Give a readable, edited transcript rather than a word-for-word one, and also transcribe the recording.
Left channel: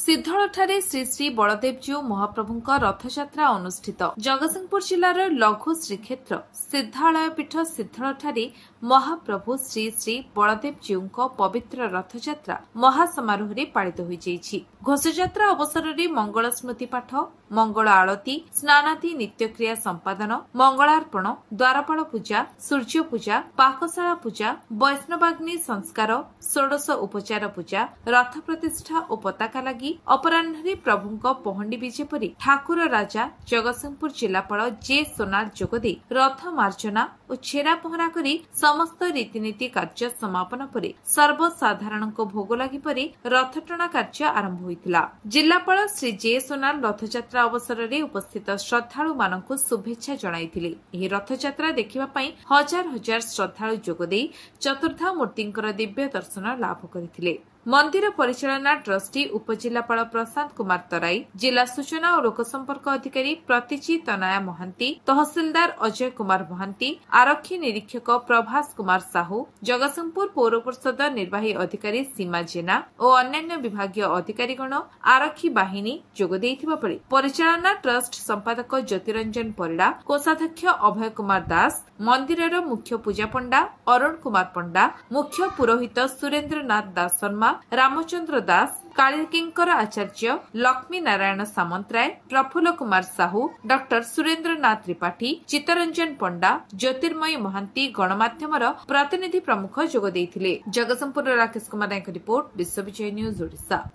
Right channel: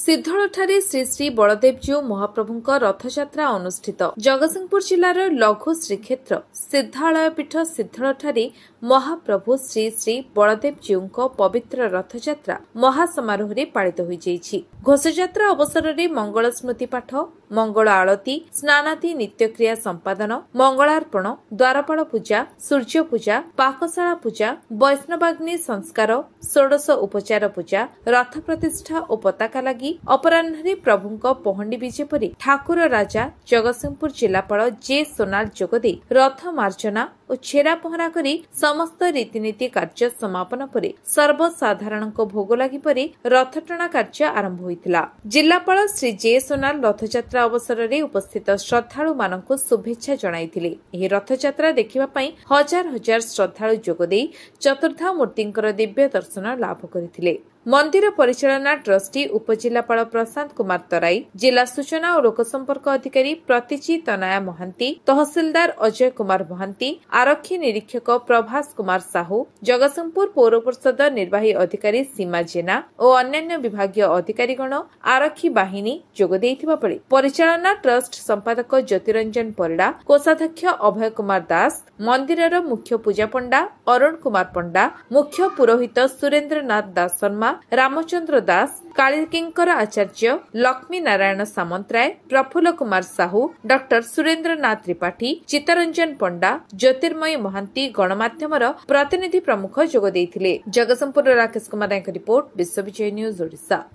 सिद्धळठारे श्री श्री बलदेवजीउ महाप्रभुଙ୍କ रथयात्रा अनुष्ठित। जगतसिंहपुर जिल्लार लघु श्रीक्षेत्र सिद्धालयपीठ सिद्धळठारे महाप्रभु श्री श्री बलदेवजीउଙ୍କ पवित्र रथयात्रा महासमारोह पालित होइछि। घोषयात्रा अवसर में मंगल स्मृति पाठ, मंगल आलती, स्नानादि नित्यक्रिया संपादन, मंगलार्पण, द्वारपाल पूजा, सूर्य पूजा, पाकशाला पूजा, वैष्णवाग्नि संस्कार, षोडश उपचार पूजा, रथ प्रतिष्ठा और पताका लगी अपराह्न प्रभुଙ୍କ पहंडी विजे परि ठाकुर राजा जगतसिंहपुर जिलापाल जे सोनाल जोगदे रथ मार्जना और छेरा पहरा करी समस्त रीतिनीति कार्य समापन परे सर्वसाधारण भोग लगी परि रथटଣା कार्य आरंभ होइतिला। जिलापाल श्री जे सोनाल रथयात्रा अवसर में उपस्थित श्रद्धालु मानक शुभेच्छा जणाइथिले। एही रथयात्रा देखिबा पई हजार हजार श्रद्धालु जोगदे चतुर्धा मूर्तिंकर दिव्य दर्शन लाभ करथिले। मंदिर परिचालना ट्रस्टी उपजिलापाल प्रशांत कुमार तराई, जिला सूचना और लोकसंपर्क अधिकारी प्रतिची तनया महांती, तहसिलदार अजय कुमार महांती, आरक्षी निरीक्षक प्रभास कुमार साहू, जगतसिंहपुर पौर परिषद निर्वाही अधिकारी सीमा जेना और अन्य विभागीय अधिकारीगण आरक्षी बाहिनी जोग देइथिबा बेले परिचालना ट्रस्ट संपादक ज्योतिरंजन परिड़ा, कोषाध्यक्ष अभय कुमार दास, मंदिरर मुख्य पूजा पंडा अरुण कुमार पंडा, मुख्य पुरोहित सुरेन्द्र नाथ दास शर्मा, रामचंद्र दास, कालिकिंकर आचार्य, लक्ष्मी नारायण सामंतराय, प्रफुल्ल कुमार साहू, डॉक्टर सुरेन्द्र नाथ त्रिपाठी, चित्तरंजन पंडा, ज्योतिर्मयी महांती गणमाध्यमर प्रतिनिधि प्रमुख जोग देइथिले। Jagatsinghpur Rakesh Kumar Nayak report, विश्वविजय news Odisha.